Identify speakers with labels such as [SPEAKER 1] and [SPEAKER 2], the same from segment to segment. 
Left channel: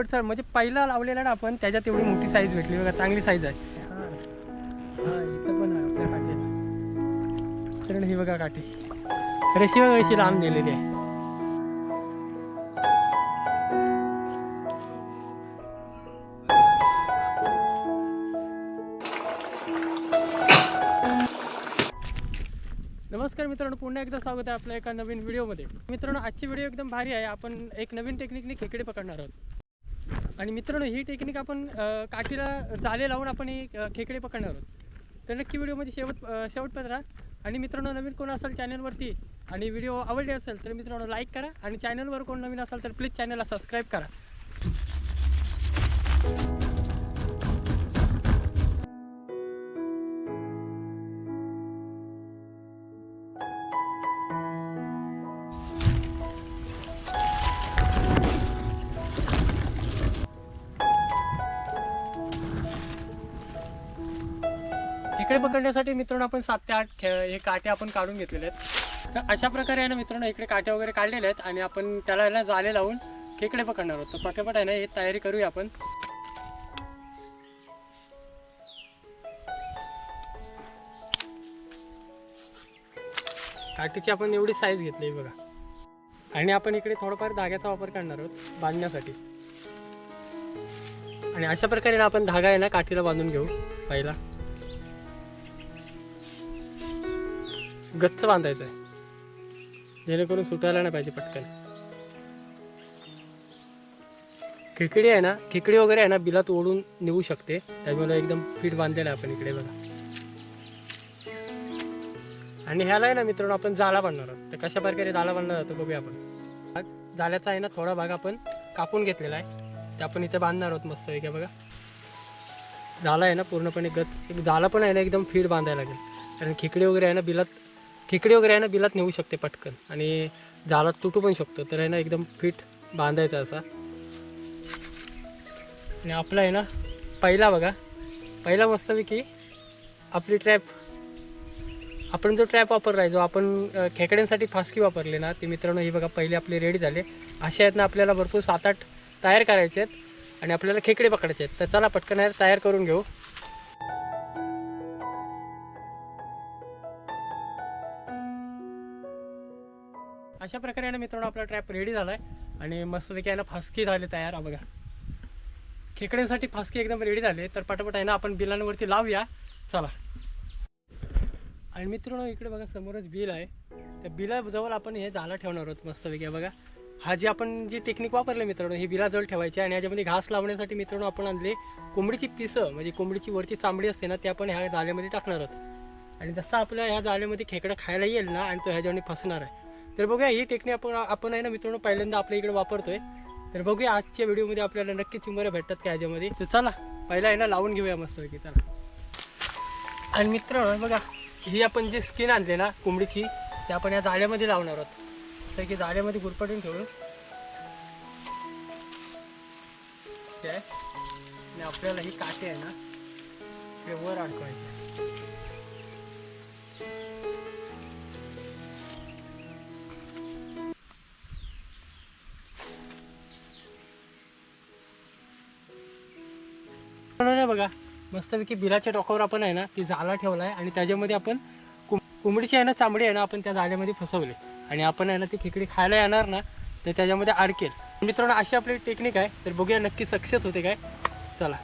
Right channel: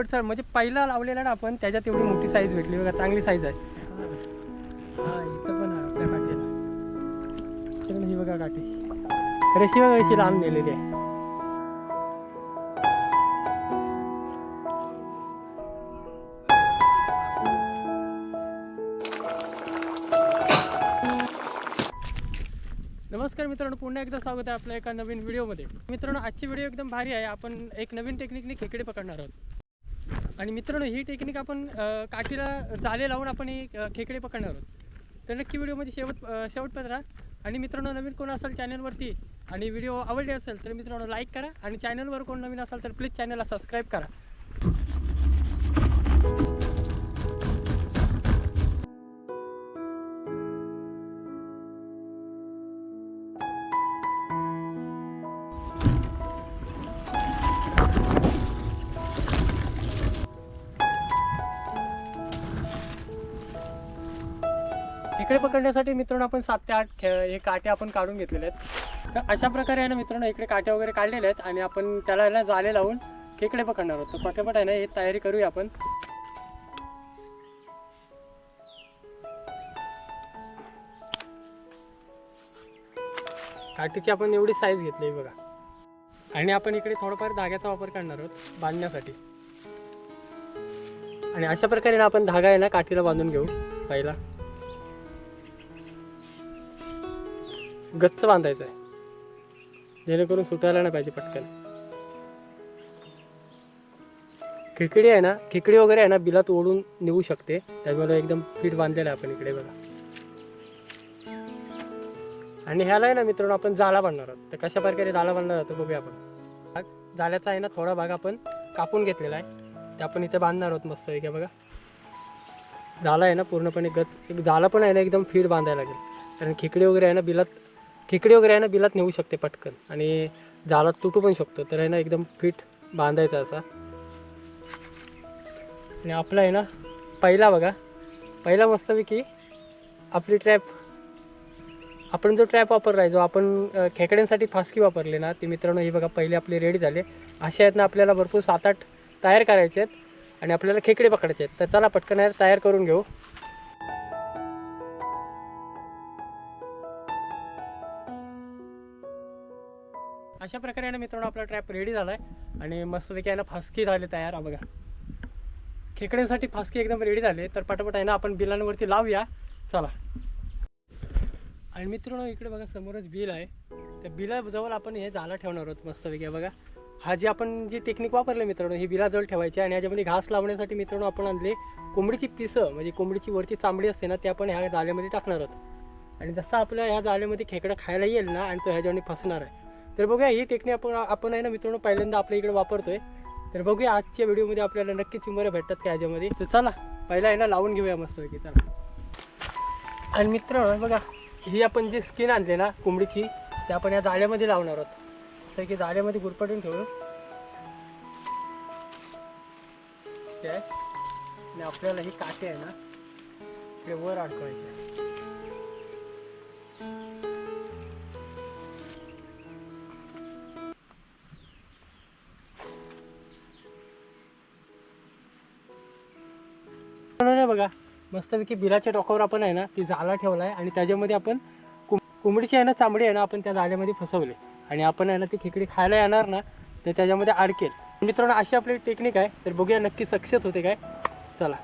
[SPEAKER 1] चल म्हणजे पहिला लावलेला ना आपण त्याच्यात एवढी मोठी साईज भेटली बघा चांगली साईज आहे. हा इथं पण आहे आपल्या काठीला. ही बघा काठी. रशी बघा कशी लांब नेलेली आहे. नमस्कार मित्रांनो पुन्हा एकदा स्वागत आहे आपल्या एका नवीन व्हिडिओमध्ये मित्रांनो आजची व्हिडिओ एकदम भारी आहे. आपण एक नवीन टेक्निकने खेकडे पकडणार आहोत. आणि मित्रांनो ही टेक्निक आपण काठीला जाले लावून आपण ही खेकडे पकडणार आहोत. तर नक्की व्हिडिओमध्ये शेवट शेवटपर्यंत राहा. आणि मित्रांनो नवीन कोण असाल चॅनलवरती आणि व्हिडिओ आवडले असेल तर मित्रांनो लाईक करा. आणि चॅनलवर कोण नवीन असाल तर प्लीज चॅनलला सबस्क्राईब करा. खेकडे पकडण्यासाठी मित्रांनो आपण सात ते आठ खे हे काटे आपण काढून घेतलेले आहेत. तर अशा प्रकारे आहे ना मित्रांनो इकडे काटे वगैरे काढलेले आहेत आणि आपण त्याला आहे ना जाले लावून खेकडे पकडणार आहोत. तर पटापट आहे ना हे तयारी करूया आपण. काठीची आपण एवढी साईज घेतली बघा. आणि आपण इकडे थोडंफार धाग्याचा वापर करणार आहोत बांधण्यासाठी. आणि अशा प्रकारे ना आपण धागा आहे ना काठीला बांधून घेऊ पहिला. गच्च बांधायचं आहे. जेणेकरून सुटायला नाही पाहिजे पटकन. खिकडी आहे ना खिकडी वगैरे आहे ना बिलात ओढून नेऊ शकते. त्यामुळे एकदम फिट बांधलेलं आहे आपण इकडे बघा. आणि ह्याला आहे ना मित्रांनो आपण जाला बांधणार आहोत. तर कशा प्रकारे जाला बांधला जातो बघूया आपण. जाल्याचा आहे ना थोडा भाग आपण कापून घेतलेला आहे. ते आपण इथे बांधणार आहोत मस्त वेगळ्या बघा. झाला आहे ना पूर्णपणे गच एक झाला पण आहे ना एकदम फीड बांधायला लागेल. कारण खिकडी वगैरे आहे ना बिलात खिकडी वगैरे आहे ना बिलात नेऊ शकते पटकन. आणि झाला तुटू पण शकतो. तर आहे ना एकदम फिट बांधायचा असा. आणि आपला आहे ना पहिला बघा. पहिला मस्तपैकी आपली ट्रॅप आपण जो ट्रॅप वापरला आहे जो आपण खेकड्यांसाठी फासकी वापरली ना ते मित्रांनो हे बघा पहिले आपले रेडी झाले. असे आहेत ना आपल्याला भरपूर सात आठ तयार करायचे आहेत. आणि आपल्याला खेकडे पकडायचे आहेत. तर चला पटकन यार तयार करून घेऊ. अशा प्रकारे ना मित्रांनो आपला ट्रॅप रेडी झाला आहे आणि मस्तपैकी आहे ना फासकी झाले तयार. बघा. खेकड्यांसाठी फासकी एकदम रेडी झाले. तर पटापट आहे ना आपण बिलांवरती लावूया. चला. आणि मित्रांनो इकडे बघा समोरच बिल आहे. त्या बिलाजवळ आपण हे झाला ठेवणार आहोत मस्तपैकी बघा. हा जी आपण जी टेक्निक वापरली मित्रांनो ही बिलाजवळ ठेवायची आणि याच्यामध्ये घास लावण्यासाठी मित्रांनो आपण आणले कोंबडीची पिसं. म्हणजे कोंबडीची वरची चांबडी असते ना ते आपण ह्या जाळ्यामध्ये टाकणार आहोत. आणि जसं आपल्या ह्या जाळ्यामध्ये खेकडा खायला येईल ना आणि तो ह्याच्यावर फसणार आहे. तर बघूया ही टेक्निक आपण आपण आहे ना मित्रांनो पहिल्यांदा आपल्या इकडे वापरतोय. तर बघूया आजच्या व्हिडिओमध्ये आपल्याला नक्कीच चिंबऱ्या भेटतात का ह्याच्यामध्ये तर चला पहिला आहे ना लावून घेऊया मस्तपैकी चला. आणि मित्रांनो बघा ही आपण जी स्किन आणली ना कोंबडीची ती आपण या जाळ्यामध्ये लावणार आहोत. असं की जाळ्यामध्ये गुरपटून ठेवू आहे. आणि आपल्याला ही काटे आहे ना ते वर अडकवायचे बनवलं बघा मस्तपैकी बिलाच्या टोकावर आपण आहे ना ती जाला ठेवला आहे आणि त्याच्यामध्ये आपण कुं कोंबडीची आहे ना चांबडी आहे ना आपण त्या जाळ्यामध्ये फसवले. आणि आपण आहे ना ती खेकडी खायला येणार ना तर त्याच्यामध्ये अडकेल मित्रांनो अशी आपली टेक्निक आहे तर बघूया नक्की सक्सेस होते काय. चला.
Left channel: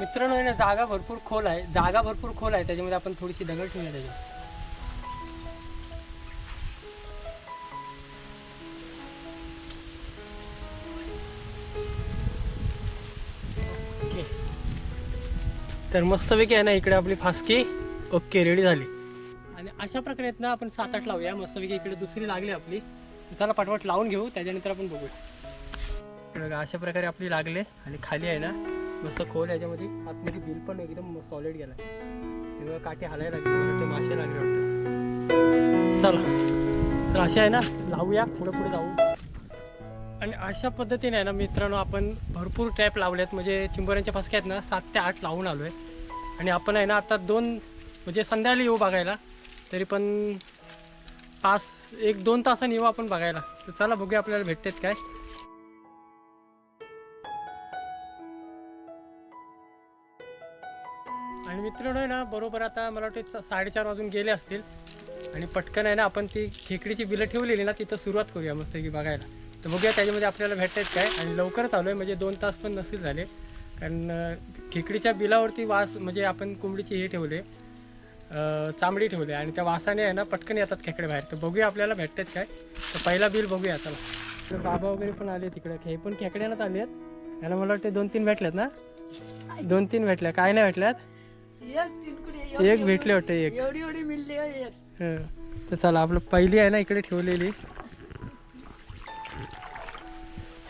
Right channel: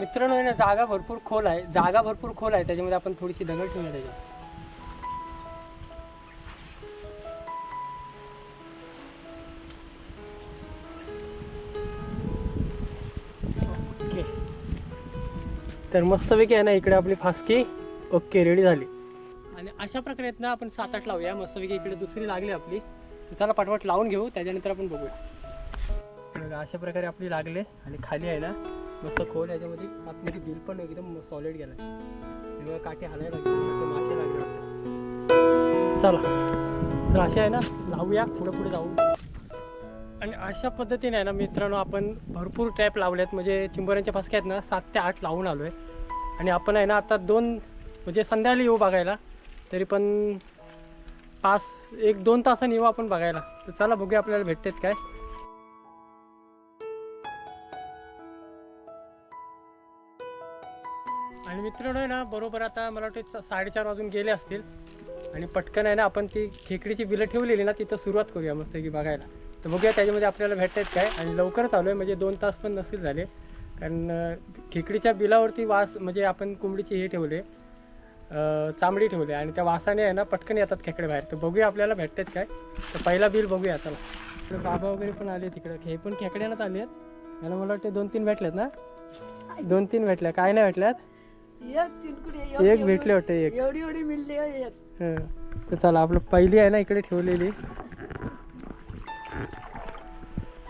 [SPEAKER 1] मित्रांनो आहे ना जागा भरपूर खोल आहे. जागा भरपूर खोल आहे त्याच्यामध्ये आपण थोडीशी दगड ठेवूया त्याच्यावर तर मस्तपैकी आहे ना इकडे आपली फासकी. ओके रेडी झाली. आणि अशा प्रकारे आहेत ना आपण सात आठ लावूया. मस्तपैकी इकडे दुसरी लागली आपली. चला पटपट लावून घेऊ. त्याच्यानंतर आपण बघूया. अशा प्रकारे आपली लागले. आणि खाली आहे ना मस्त खोल याच्यामध्ये. आतमध्ये बिल पण एकदम सॉलिड गेला हे बघा काठी हालायला लागले. मासे लागले वाटतं चला. तर असे आहे ना लावूया. पुढे पुढे जाऊ. आणि अशा पद्धतीने आहे ना मित्रांनो आपण भरपूर टॅप लावलेत. म्हणजे चिंबोऱ्यांच्या फासक्या आहेत ना सात ते आठ लावून आलो आहे आणि आपण आहे ना आता दोन म्हणजे संध्याकाळी येऊ बघायला. तरी पण पाच एक दोन तासांनी येऊ आपण बघायला. तर चला बघूया आपल्याला भेटतेत काय. आणि मित्रांनो आहे ना बरोबर आता मला वाटते साडेचार वाजून गेले असतील. आणि पटकन आहे ना आपण ती खेकडीची बिलं ठेवलेली ना तिथं सुरुवात करूया मस्त की बघायला. तर बघूया त्याच्यामध्ये आपल्याला भेटतायत काय. आणि लवकरच आलो आहे म्हणजे दोन तास पण नसतील झाले. कारण खेकडीच्या बिलावरती वास म्हणजे आपण कोंबडीची हे ठेवले चांबडी ठेवली. आणि त्या वासाने आहे ना पटकन येतात खेकडे बाहेर. तर बघूया आपल्याला भेटतात काय. तर पहिला बिल बघूया चला. इकडे बाबा वगैरे पण आले तिकडे हे पण खेकड्यानंच आले आहेत याला मला वाटतं दोन तीन भेटल्यात ना? दोन तीन भेटल्या. काय नाही भेटल्यात?
[SPEAKER 2] एक
[SPEAKER 1] भेटले वाटतं एक.
[SPEAKER 2] एवढी एवढी मिळली एक.
[SPEAKER 1] तर चला आपलं पहिली आहे ना इकडे ठेवलेली.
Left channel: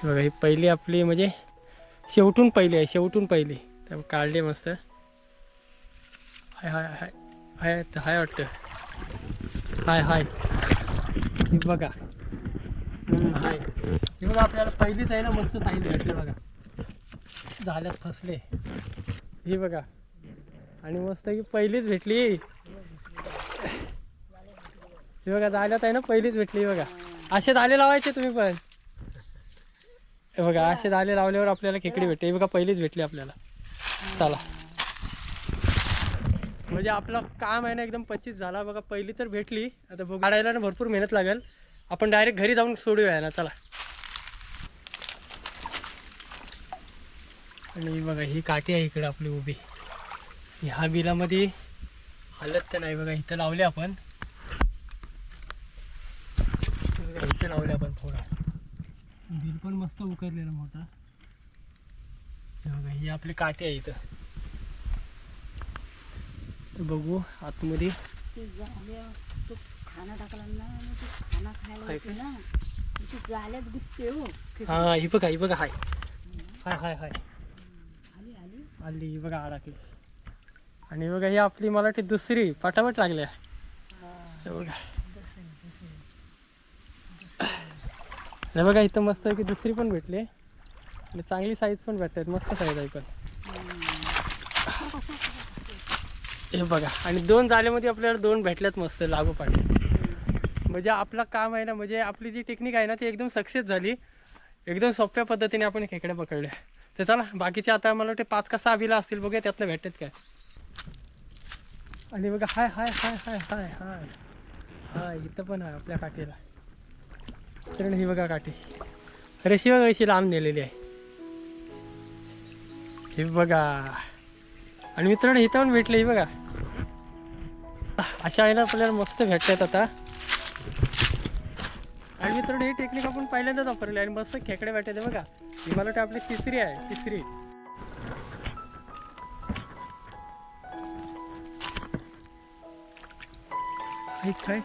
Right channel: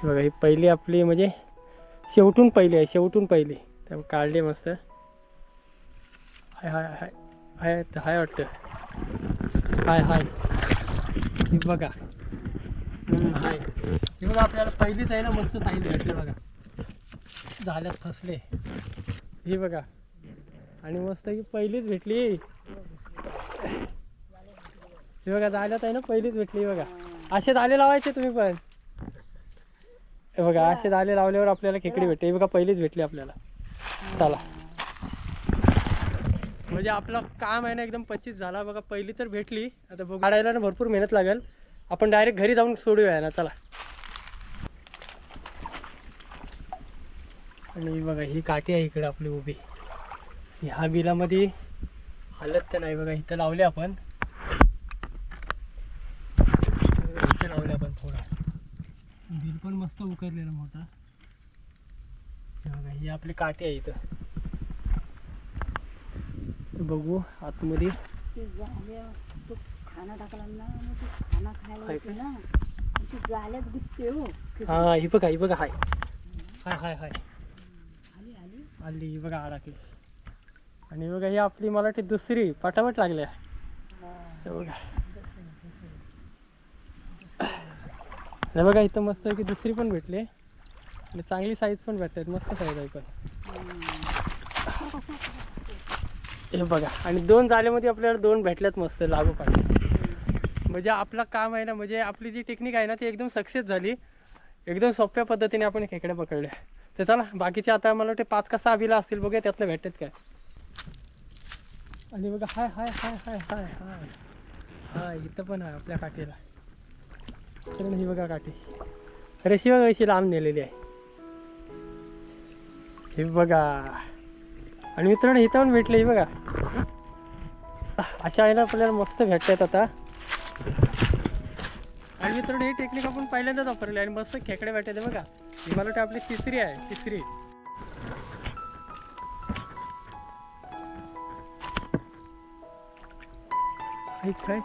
[SPEAKER 1] बघा ही पहिली आपली म्हणजे शेवटून पहिली आहे शेवटून पहिली. त्यामुळे काढली मस्त. हाय हाय हाय हाय हाय वाटतं. हाय हाय. हे बघा. हाय. हे बघा आपल्याला पहिलीच आहे ना मस्त साईज भेटले बघा. झाल्यात फसले. ही बघा. आणि मस्त की पहिलीच भेटली. हे बघा जाल्यात आहे ना पहिलीच भेटली बघा. असे आले लावायचे तुम्ही पण. हे बघा असे दाले लावल्यावर आपल्याला खेकडी भेटते. हे बघा पहिलीच भेटली आपल्याला. चला. म्हणजे आपलं काम आहे ना एकदम पच्चीस झाला. बघा पहिली तर भेटली. आता बघ. काढायला ना भरपूर मेहनत लागेल. आपण डायरेक्ट घरी जाऊन सोडूया ना चला. आणि बघा ही काठी आहे इकडे आपली उभी. ह्या बिलामध्ये हालत तर नाही बघा इथं लावले आपण इथं लावले आपण थोडा बिल पण मस्त उकरलेला मोठा. हे ही आपली काठी आहे इथं. बघू आतमध्ये.
[SPEAKER 2] खाना टाकला ना खायला हो.
[SPEAKER 1] हा ही बघा ही बघा हाय. हाय हाय हाय.
[SPEAKER 2] आली
[SPEAKER 1] ही बघा अडकली आणि बघा ही आपली मला वाटते दुसरी पटापट लागल्या. बघा. हे बघा इथं मस्त की दुसरी पण भेटली. आणि चांगली साईज पण भेटतात. मस्त साईज आहे पण. हे बघा आणि दोन जाल्यामध्ये आपल्याला दोन भेटल्यात मस्त लागोपाठ म्हणजे आपलं काम आहे ना म्हणजे आपली जी टेक्निक आहे ना ती एकदम सक्सेस झाली. एकदम सोप्या पद्धतीने आपण खेकडे पकडले तर चला बाकीचे आता मला वाटते पाच का सहा बिला असतील बघूया त्यातलं भेटतात काय. आणि बघा हाय हाय हाय हाय हाय हाय. हाय इथं पण आहे आपल्या काठीला. कारण ही बघा काठी. रेशी बघा अशी लांब नेलेली आहे. हे बघा. आणि मित्रांनो इथं पण भेटले ही बघा. अशा वेळेला आपल्याला मस्त भेटतात आता. आणि मित्रांनो ही टेक्निक आपण पहिल्यांदाच वापरली आणि मस्त खेकडे भेटते बघा. ही मला वाटतं आपली तिसरी आहे तिसरी. काय?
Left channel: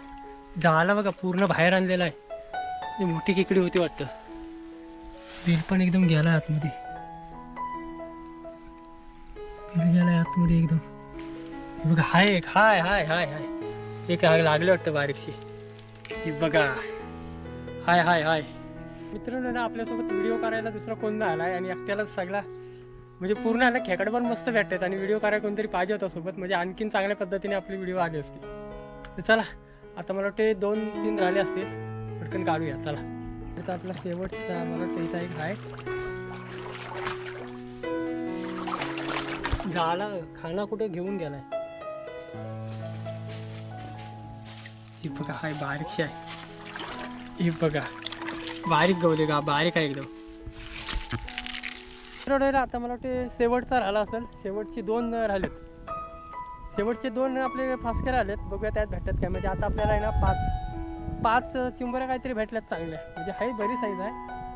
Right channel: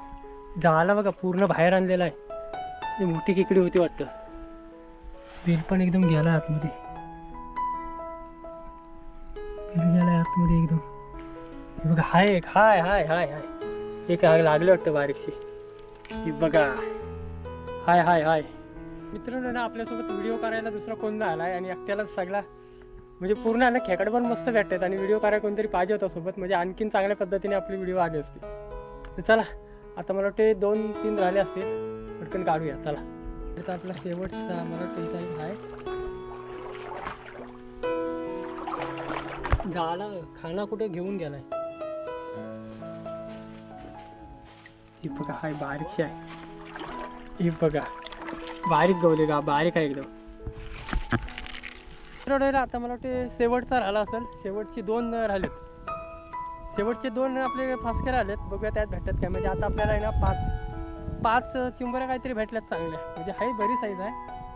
[SPEAKER 1] झाला बघा पूर्ण बाहेर आणलेला आहे. ही मोठी खेकडी होती वाटतं. बिल पण एकदम गेला आतमध्ये. बिल गेला आतमध्ये एकदम. बघा हाय एक हाय हाय हाय हाय. एक आग लागले वाटतं बारीकशी. की बघा. हाय हाय हाय. मित्रांनो ना आपल्यासोबत व्हिडिओ करायला दुसरा कोण नाही आला आणि एकट्यालाच सगळा म्हणजे पूर्ण आला खेकड पण मस्त भेटतात आणि व्हिडिओ करायला कोणतरी पाहिजे होता सोबत. म्हणजे आणखीन चांगल्या पद्धतीने आपली व्हिडिओ आली असते. तर चला आता मला वाटते दोन तीन राहिले असतील. पटकन काढूया चला. आता आपला शेवटचा मला वाटतं इथं एक आहे. झाला खाना कुठे घेऊन गेलाय? ही बघा हाय बारीकशी आहे. ही बघा बारीक गवले का बारीक आहे एकदम. आता मला वाटते शेवटचा राहिला असेल. शेवटची दोन राहिलेत. शेवटचे दोन आपले फासके राहिलेत. बघूया त्यात भेटतात काय. म्हणजे आता आपल्याला आहे ना पाच. पाच चिंबऱ्या काहीतरी भेटल्यात चांगल्या. म्हणजे हाही बरी साईज आहे.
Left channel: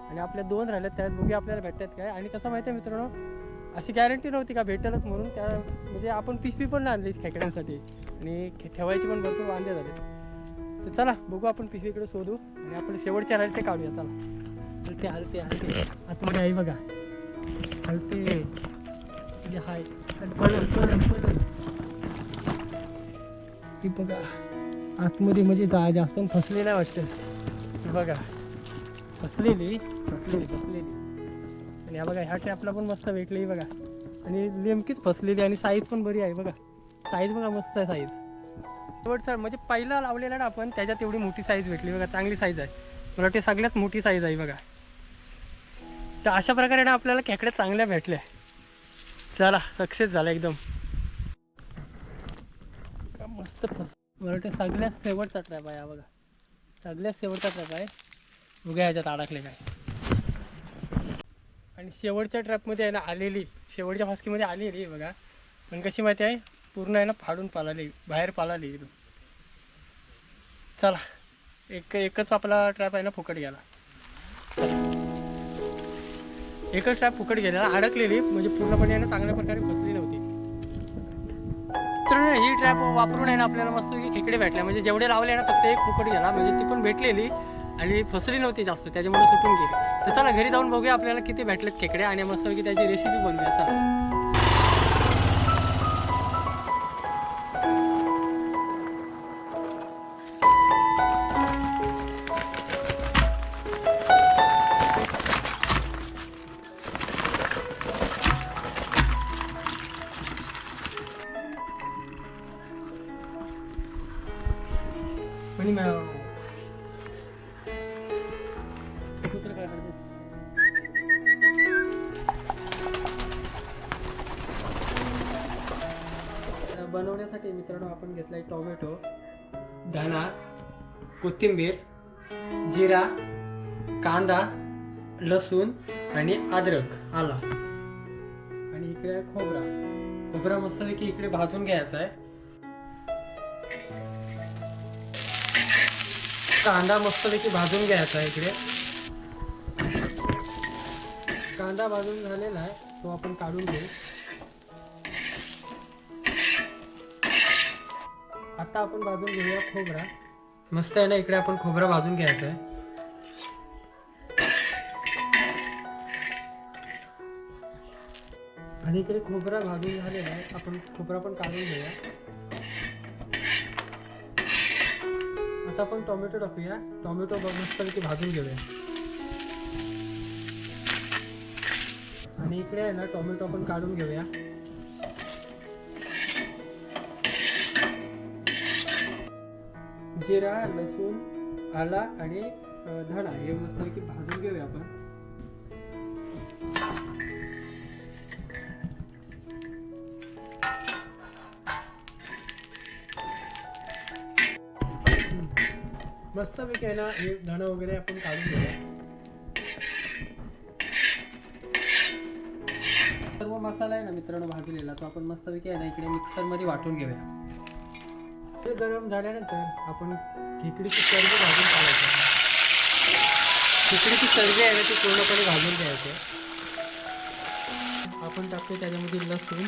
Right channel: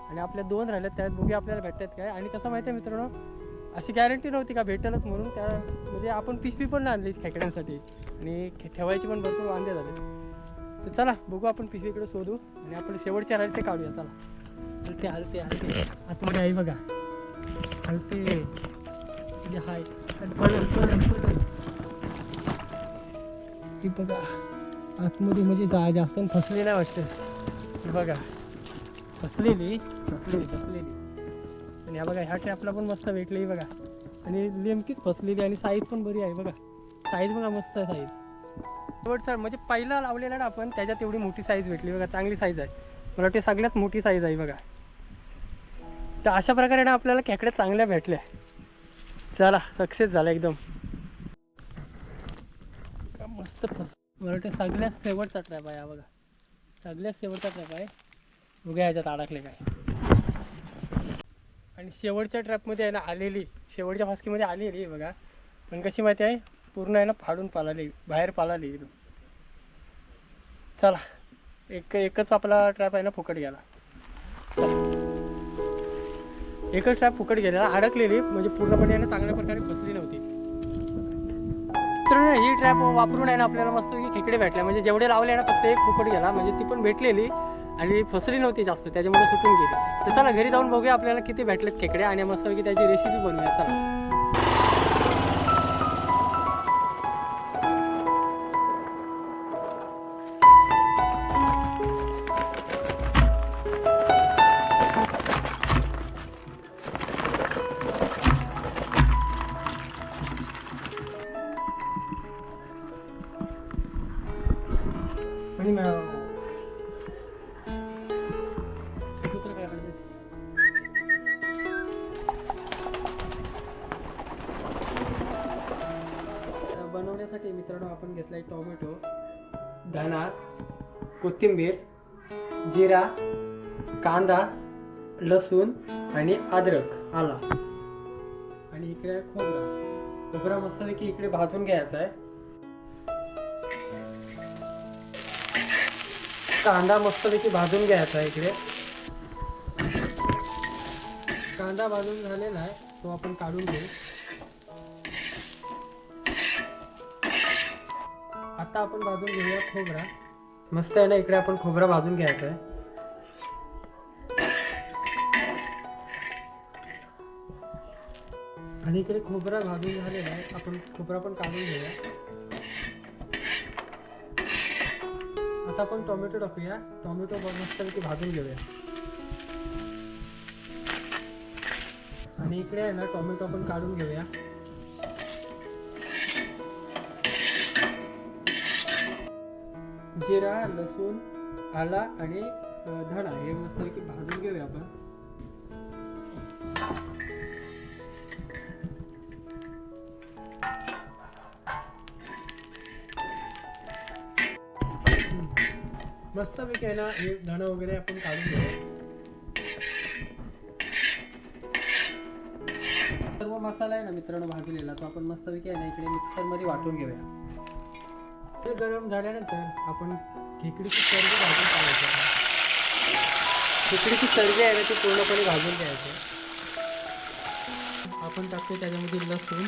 [SPEAKER 1] आणि आपल्या दोन राहिल्यात त्यात बघूया आपल्याला भेटतात काय. आणि कसं माहिती आहे मित्रांनो अशी गॅरंटी नव्हती का भेटेलच म्हणून. त्या म्हणजे आपण पिशवी पण आणली खेकड्यांसाठी. आणि खे- पण भरपूर वांदे झाले तर चला बघू आपण पिशवीकडे शोधू. आणि आपण शेवटचे राहिले ते काढूया चला. हलते हलते हलते. आतमध्ये आई बघा. हलते. म्हणजे हाय. ही बघा. आतमध्ये म्हणजे जा जास्त फसले नाही वाटतं. बघा. फसलेली फसलेली फसलेली. आणि हा बघा ह्या ट्रॅपला पण मस्त भेटली बघा. आणि नेमकीच फसलेली आणि साईज पण बरी आहे बघा. साईज बघा मस्त आहे साईज शेवटचा म्हणजे पहिला लावलेला ना आपण त्याच्यात एवढी मोठी साईज भेटली बघा चांगली साईज आहे. मला वाटते सगळ्यात मोठी साईज आहे बघा. तर अशा प्रकारे ना आपल्याला खेकड्या चांगल्या भेटल्या. चला सक्सेस झाला एकदम. मस्त फस मला वाटतं सगळ्यात शेवटचा ट्रॅप आहे हा बघा. सगळ्यात शेवटचा ट्रॅप आहे. उघ्या ह्याच्यात अडकले काय आणि शेवटच्या ट्रॅपमध्ये आहे ना आलेली शेवटच्या फासकीमध्ये आलेली आहे बघा. पण कशी माहिती आहे? पूर्ण आहे ना फाडून पालाली बाहेर पालाली एकदम. चला एक एकच आपला ट्रॅप आहे ना फुकट गेला. एकच ट्रॅप फुकट गेला अडकलेली म्हणजे पूर्णपणे आहे ना चांगल्या प्रकारे फसली नव्हती. तर ही ट्रॅप वापरून आहे ना आपल्याला मस्त की खेकडे भेटले. म्हणजे जेवढे लावले ना फक्त एक फुकट गेला. म्हणजे ती पण भेटलेली आणि फसली नव्हती जास्त. त्याच्यामुळे सुटून गेली. तर चला घरी जाऊन बघूया आपल्याला किती भेटलेत खेकडे आणि मस्तपैकी त्याची रेसिपी बनवूया. चला. बनवण्यासाठी मित्रांनो आपण घेतलाय टोमॅटो धना कोथिंबीर जिरा कांदा लसूण आणि अद्रक आला. आणि इकडे आहे खोबरा. खोबरा मस्तपैकी इकडे भाजून घ्यायचा आहे. कांदा मस्तपैकी भाजून घ्यायचा आहे इकडे. कांदा भाजून झालेला आहे तो आपण काढून घेऊ. आता आपण भाजून घेऊया खोबरा. मस्त आहे ना इकडे आपण खोबरा भाजून घ्यायचा आहे. आणि इकडे खोबरा भाजून झालेला आहे. आपण खोबरा पण काढून घेऊया. आता आपण टोमॅटो टाकूया. टोमॅटो मस्तपैकी भाजून घेऊया. आणि इकडे आहे ना टोमॅटो आपण काढून घेऊया. जिरा लसूण आला आणि धणा हे मस्तपैकी भाजून घेऊया आपण. मस्तपैकी आहे ना हे धणं वगैरे आपण काढून घेऊया. सर्व मसाला आहे ना मित्रांनो भाजलेला तो आपण मस्तपैकी आहे ना इकडे मिक्सरमध्ये वाटून घेऊया. ते गरम झाल्यानंतर आपण खेकडीची चरबी भाजून काढायची खेकडीची चरबी आहे ना ती पूर्णपणे भाजून घ्यायची आपण टाकतो त्याच्यामध्ये लसूण.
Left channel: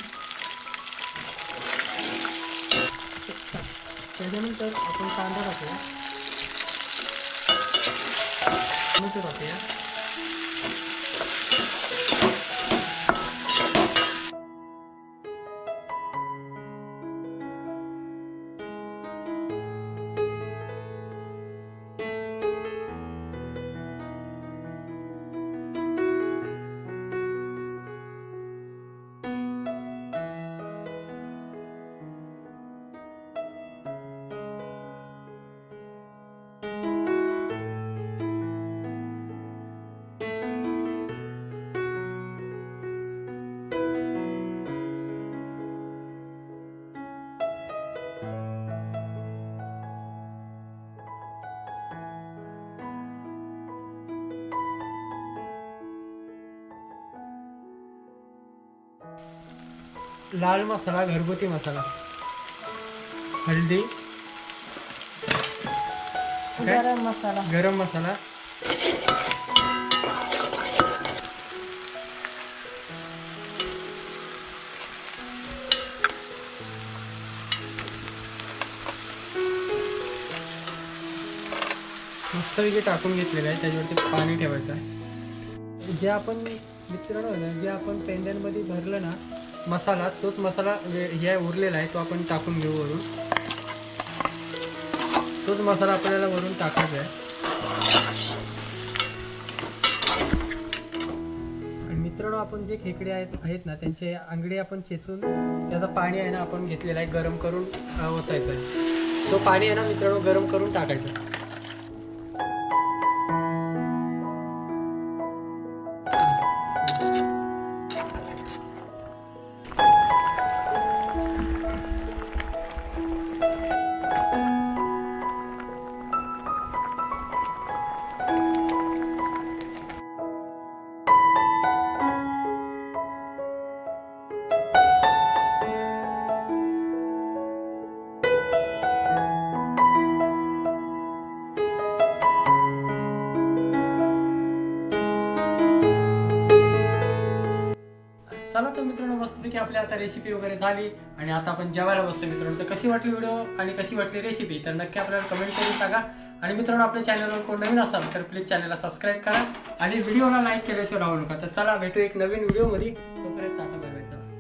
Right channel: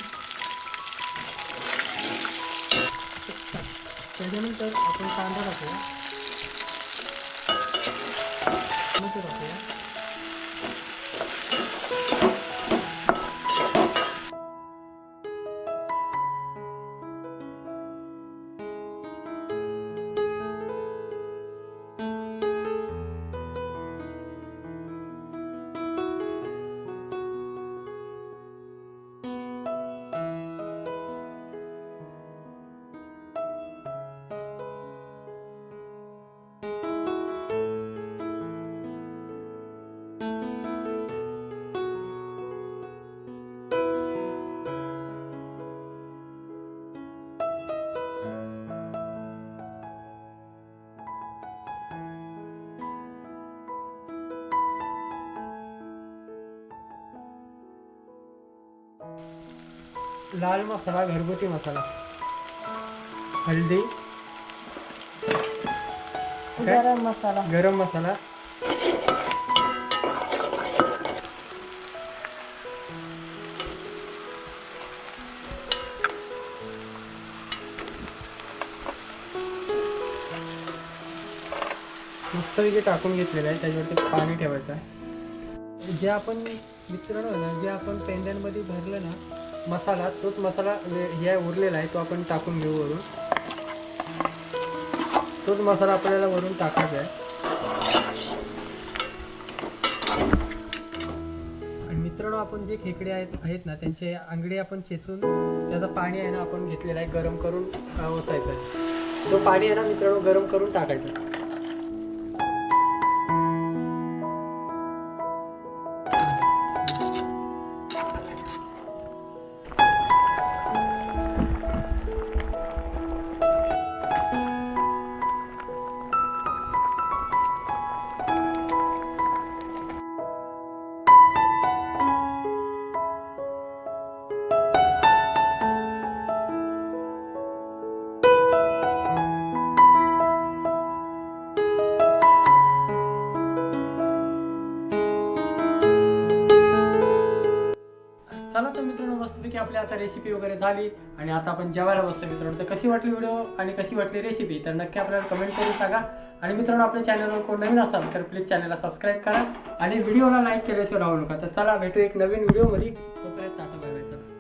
[SPEAKER 1] त्याच्यानंतर आपण कांदा टाकूया. टोमॅटो टाकूया. लाल मसाला घरगुती मसाला. काय?
[SPEAKER 2] गरम मसाला.
[SPEAKER 1] गरम मसाला. मस्तपैकी टाकून घेतलेलं आहे त्याच्यावरती पाणी ठेवायचं आहे. जे आपण मित्रांनो ना जे आपण पेंड्यांमध्ये भरलं ना मसाला तोच मसाला म्हणजे हे उरलेला आहे तो आपण टाकून घेऊ वरून. तोच मसाला आपल्याला वरून टाकायचा आहे. आणि मित्रांनो आपण जे खेकडे आहेत आहेत ना त्यांचे आंगडे आपण चेचून त्याचं पाणी आहे ना आपण घेतलेलं आहे गरम करून ओतायचं आहे. तो पाणी आहे ना मित्रांनो गरम करून टाकायचं मित्रांनो मस्तपैकी आपली आता रेसिपी वगैरे झाली आणि आता आपण जेवायला बसतो मित्रांनो. तर कशी वाटली व्हिडिओ आणि कशी वाटली रेसिपी तर नक्की आपल्याला कमेंट करून सांगा. आणि मित्रांनो आपल्या चॅनलवर कोण नवीन असाल तर प्लीज चॅनलला सबस्क्राईब करा. आणि व्हिडिओला लाईक केल्याशिवाय राहू नका. तर चला भेटू एक नवीन व्हिडिओमध्ये तोपर्यंत टाटा बाय बाय चला.